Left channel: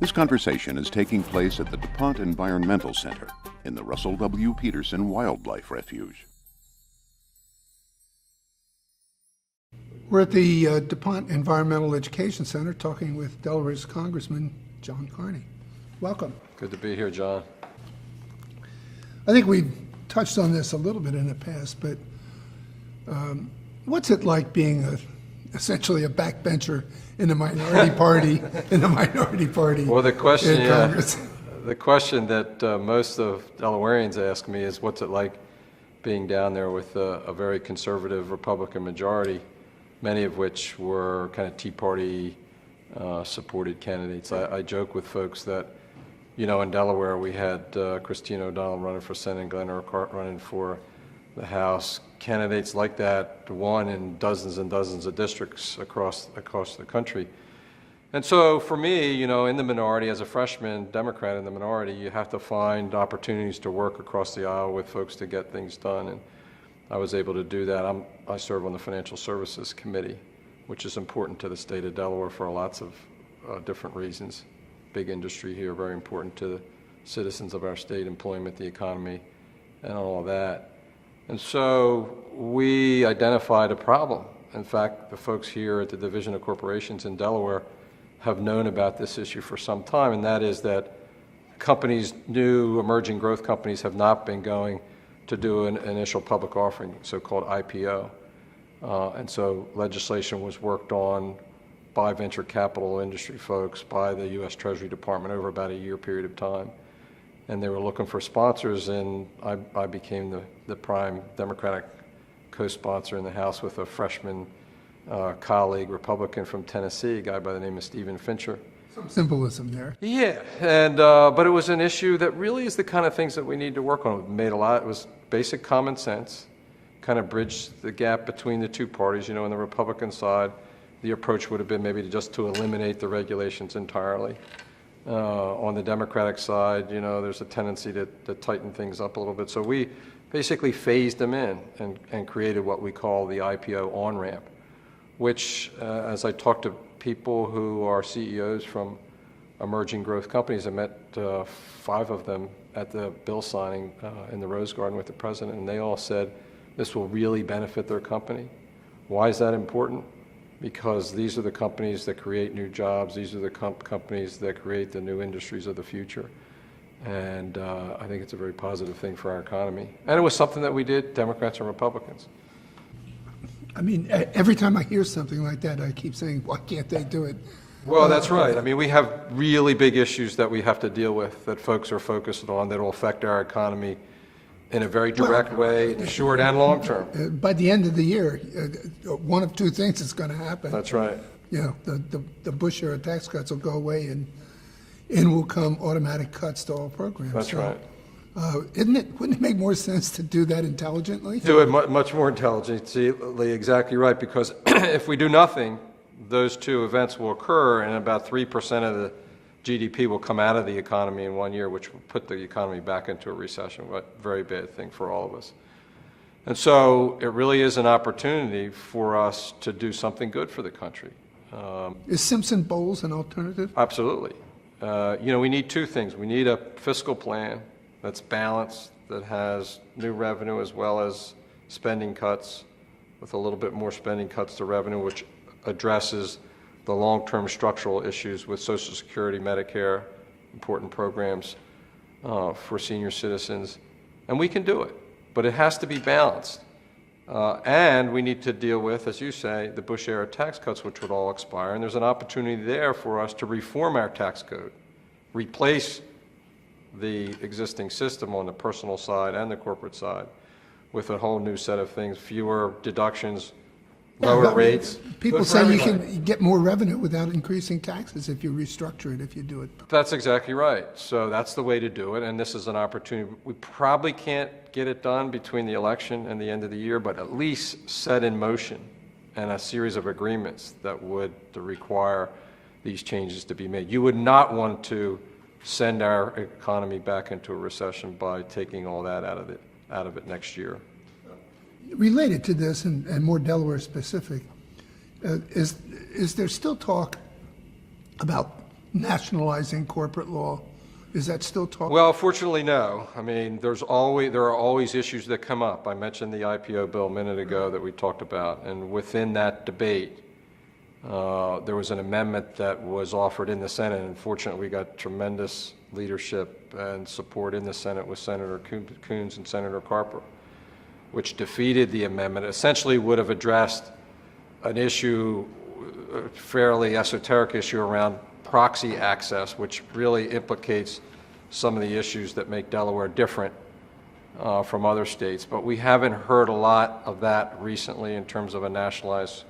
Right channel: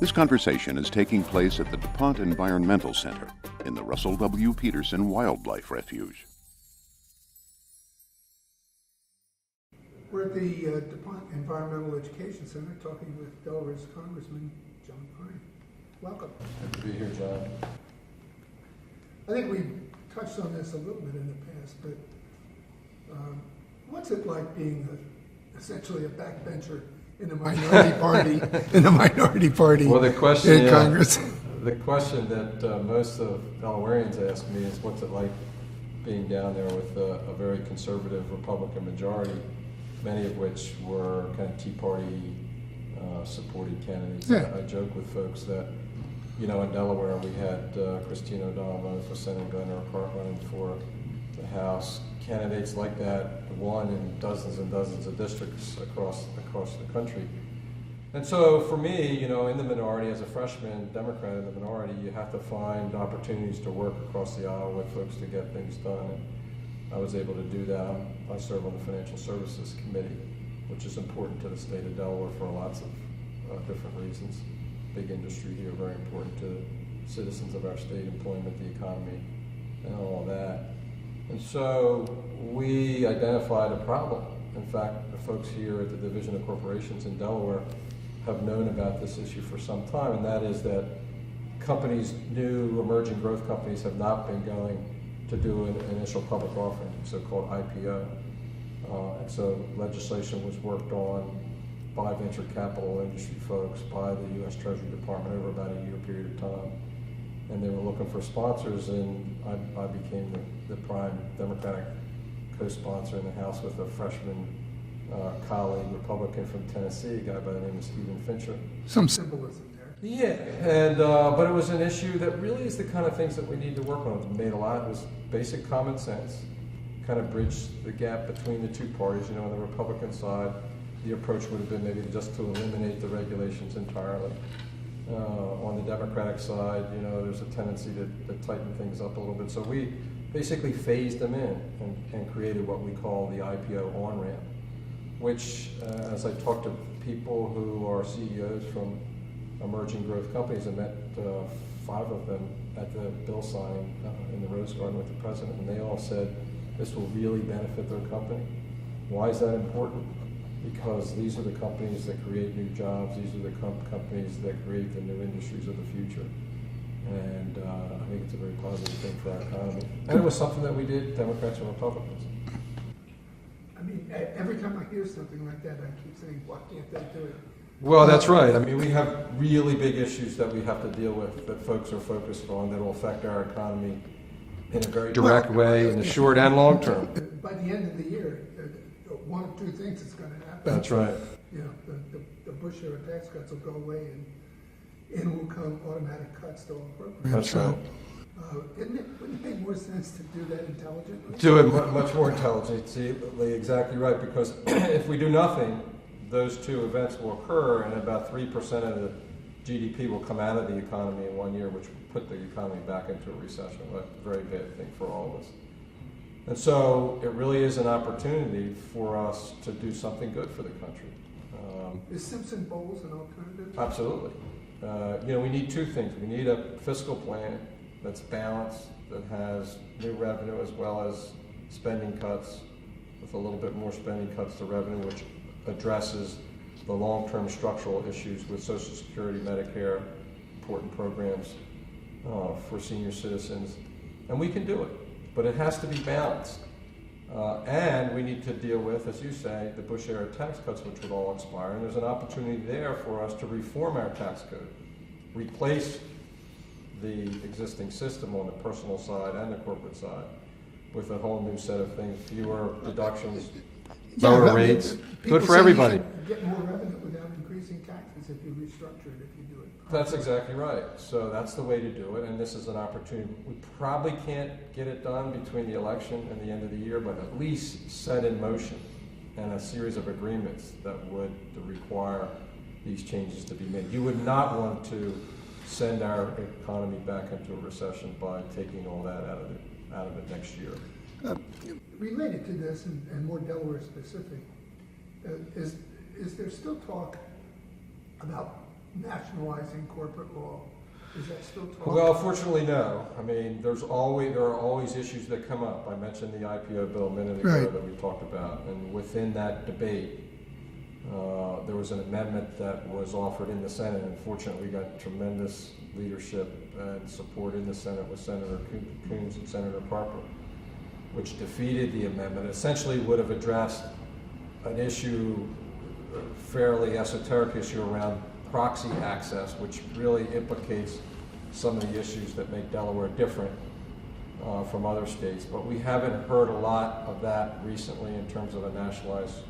This conversation is taking place at the DuPont Environmental Center in the Russell W. Peterson Wildlife Refuge. We're at the DuPont Environmental Education Center talking with Delaware's Congressman John Carney. Welcome. Good to be here, John. I think we've touched on this a little bit in the past, but what's it like being essentially a backbencher in the minority party Well, the question, in Congress? The question that most of Delawareans ask me is, what's it like being down there with a very conservative Republican majority, many of which were kind of Tea Party supported candidates. Yeah. I joke with folks that, you know, in Delaware we had Christine O'Donnell running for Senate and Glenn Urquhart running for the House. Candidates like that won in dozens and dozens of districts across the country. And so for me, you know, in the minority, as a freshman Democrat in the minority, you have to find opportunities to work across the aisle with folks to get things done. And I was able to do that. I serve on the Financial Services Committee, which is important to the state of Delaware for lots of different reasons. Big industry here, very important to the citizens of our state, employment, the economy, and all of that. And so we identified a problem. In fact, the folks here at the Division of Corporations in Delaware have known about this issue for some time, and that is that companies, new emerging growth companies, have not been going to do an initial public offering, so-called IPO. And so legislation was worked on by venture capital industry folks, by the U.S. Treasury Department over about a year period of time. And they were looking for sponsors, and I became the prime Democratic co-sponsor in the House with a freshman colleague, Republican from Tennessee, a guy by the name of Stephen Fincher. Some symbolism there. Yeah, and but it was an issue that really is the kind of things that we need to work on. It made a lot. It was basic common sense, kind of bridged the gap between the two parties. You know, on the Republican side, the approach would have been maybe just to eliminate the regulations entirely. On the Democratic side, you know, there's a tendency to tighten things up a little bit. So we basically phased them in and created what we call the IPO on-ramp, which, as I talked to people who are CEOs from emerging growth companies, I met 5 of them at the bill signing in the Rose Garden with the president, and they all said this will really benefit their company. Why is that important? Because these are the companies that create new jobs. These are the companies that create the new industries of the future. And I think it's a very positive thing for our economy. And it was something that we did, Democrats and Republicans. I mean, every time I hear something like that, I keep saying, why can't they do it? Well, that's right. I mean, we have really big issues that we have to deal with that folks are focused on that will affect our economy in a very direct way in the short and long term. By the end of the year, one of two things is going to happen. That's right. You know, the Bush era tax cuts will go away, and in will come automatic cuts to all programs. That's right. Wouldn't it make more sense to do that intelligently? Do it much more intelligently, exactly right, because if we do nothing, those two events will occur, and about 3% of the GDP will come out of the economy in 1 year, which will put the economy back into a recession, a very bad thing for all of us. And so it really is an opportunity for us to do something good for the country. Is Simpson Bowles an alternative? Absolutely. You know, we need 2 things. We need a fiscal plan that's balanced, that has new revenue as well as spending cuts, with a little bit more spending cuts to revenue, which addresses the long-term structural issues with Social Security, Medicare, important programs for senior citizens. And we can do it, but it has to be balanced. And we need to deal with, as you say, the Bush-era tax cuts, which would all expire. And there's an opportunity there for us to reform our tax code, replace the existing system on the personal side and the corporate side with a whole new set of things, fewer deductions, lower rates, People good for say everybody. you can get more revenue without increasing taxes if you restructure it, if you do it. That's exactly right. So that's the way to do it, and this is an opportunity. We probably can't get it done between the election and the end of the year, but at least set in motion and a series of agreements that would require these changes to be made. You would not want to send our economy back into a recession by taking all that out of it next year. Related to this, and more Delaware specific, is there still talk about nationalizing corporate law. Is that still talk? Well, fortunately, no. I mean, there are always issues that come up. I mentioned the IPO bill a minute ago Right. that we talked about, and within that debate, there was an amendment that was offered in the Senate. Unfortunately, we got tremendous leadership and support in the Senate with Senator Coons and Senator Carper, which defeated the amendment. It essentially would have addressed an issue, a fairly esoteric issue around proxy access, which really implicates some of the issues that make Delaware different from other states. But we haven't heard a lot of that recently in terms of a nationalized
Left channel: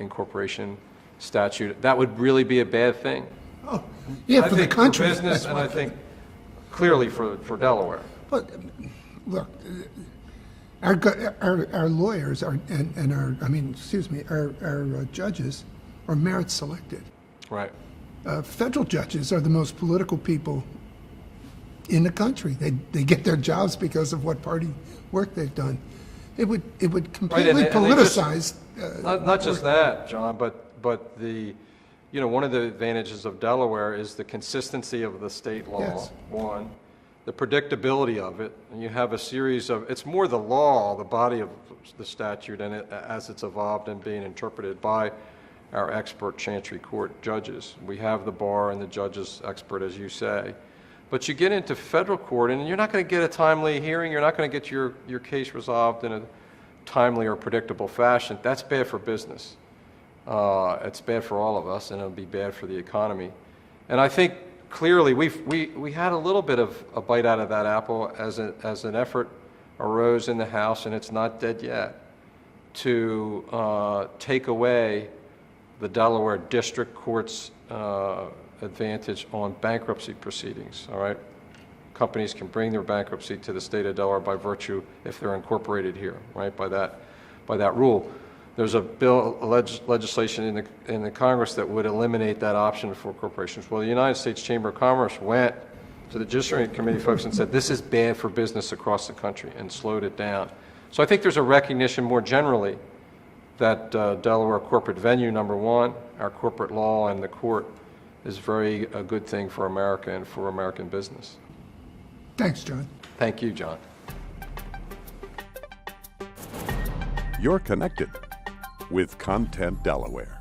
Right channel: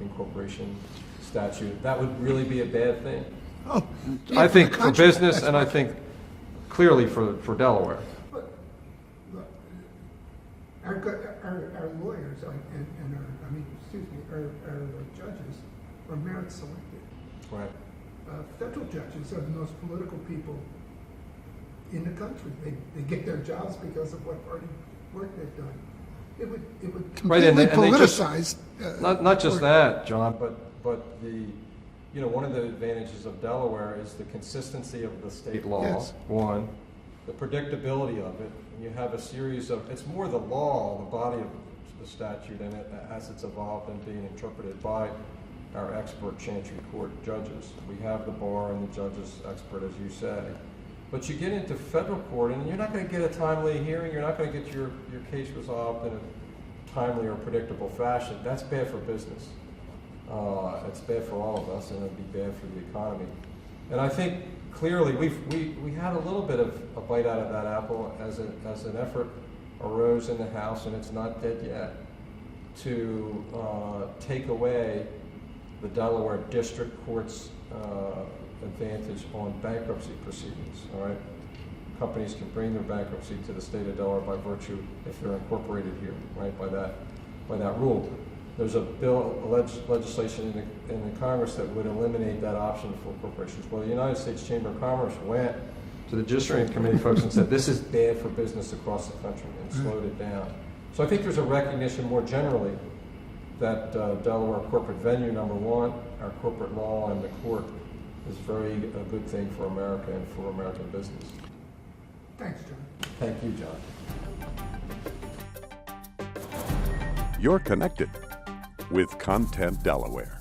incorporation statute. That would really be a bad thing. Oh, yeah, I for the think for country. business, and I think clearly for Delaware. But look, our lawyers and our judges are merit selected. Right. Federal judges are the most political people in the country. They get their jobs because of what party work they've done. It would completely and they just- politicize. Not just that, John, but the, you know, one of the advantages of Delaware is the consistency of the state law, Yes. one, the predictability of it, and you have a series of, it's more the law, the body of the statute, and as it's evolved and being interpreted by our expert Chancery Court judges. We have the bar and the judges expert, as you say. But you get into federal court, and you're not going to get a timely hearing, you're not going to get your case resolved in a timely or predictable fashion. That's bad for business. It's bad for all of us, and it'll be bad for the economy. And I think clearly we had a little bit of a bite out of that apple as an effort arose in the House, and it's not dead yet, to take away the Delaware District Court's advantage on bankruptcy proceedings, all right? Companies can bring their bankruptcy to the state of Delaware by virtue if they're incorporated here, right, by that rule. There's a bill, legislation in the Congress that would eliminate that option for corporations. Well, the United States Chamber of Commerce went to the Judiciary Committee folks and said, this is bad for business across the country, and slowed it down. So I think there's a recognition more generally that Delaware corporate venue, number one, our corporate law and the court is a good thing for America and for American business. Thanks, John. Thank you, John. You're connected with Content Delaware.